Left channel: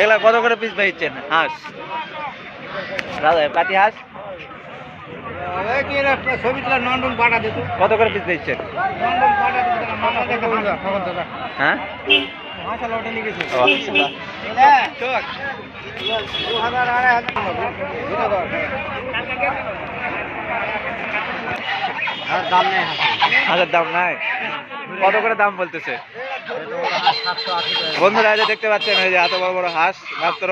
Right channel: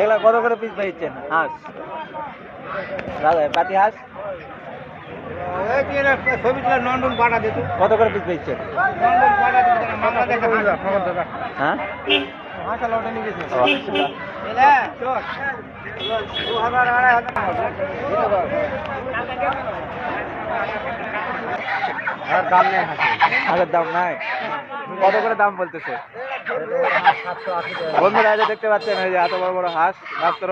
এগুলা কত করে পিস বেচছেন হাঁস? রাজা পাতি হাঁস কত করে পিস বেচছেন? হ্যাঁ হাঁসের দাম নাই? কত করে দাম বলতেছে? বন্ধুরা যে দেখতে পাচ্ছেন এই যে এত বড় বড় হাঁস মাত্র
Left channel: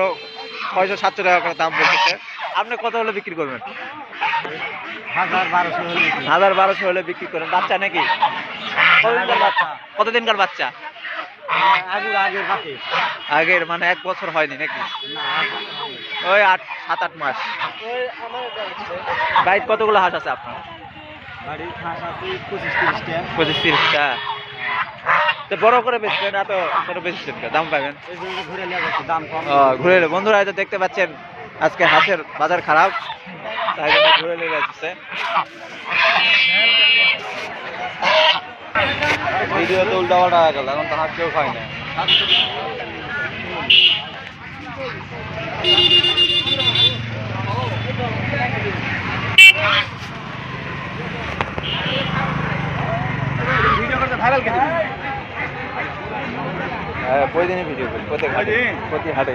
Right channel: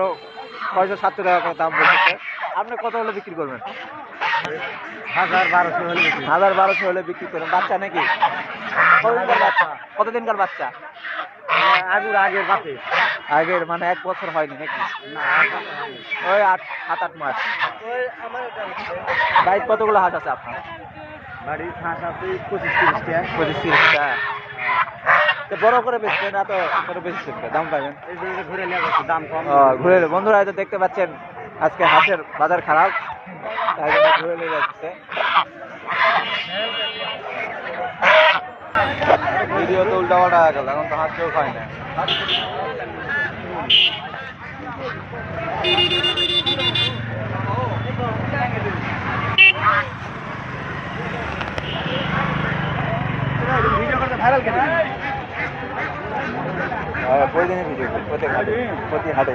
600-700 টাকা করে দাম বলতেছে। আপনি কত হলে বিক্রি করবেন? 1000-1200 হলে বিক্রি করেন। বাচ্চা নাকি? কতদিনকার বাচ্চা? কতদিনকার বাচ্চা? আগের মানে 1 বছর হয়নি নাকি? ওই 7-8 মাস। বাড়িতে কতগুলো হাঁস আছে আপনার? বাড়ির হাঁস আছে 25-30টা। 25-30টা। তো বড় করে বেচবেন, এত ছোট বেচছেন, দাম পাবেন। ঘুরে নিয়ে যাচ্ছে, দাম কম। ঘুরে বন্ধুরা তো দেখতে পাচ্ছেন আজকে হাঁসের বাজার খারাপ, তাই জন্য ঘুরে নিয়ে যাচ্ছে। ভিডিও তো উল্টা পাল্টা হয়ে গেল, এখন তো হাঁস কেউ খায় না। ভিডিও করতে ভাইরাল কেন? হ্যাঁ, প্রতিদিনই ভিডিও করি, প্রতি হাটে।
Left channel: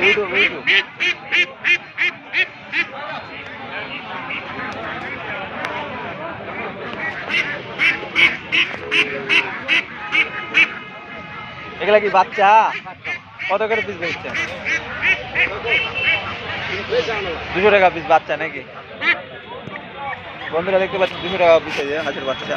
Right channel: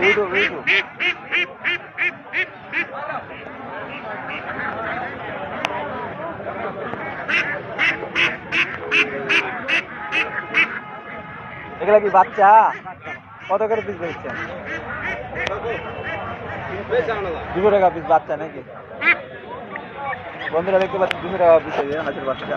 ইউটিউব। এগুলা কি বাচ্চা? কত করে পিস বেচছেন? 200 টাকা পিস বাচ্চা নাকি? বন্ধুরা দেখতে পাচ্ছেন 200 টাকা পিস হাঁসের বাচ্চা।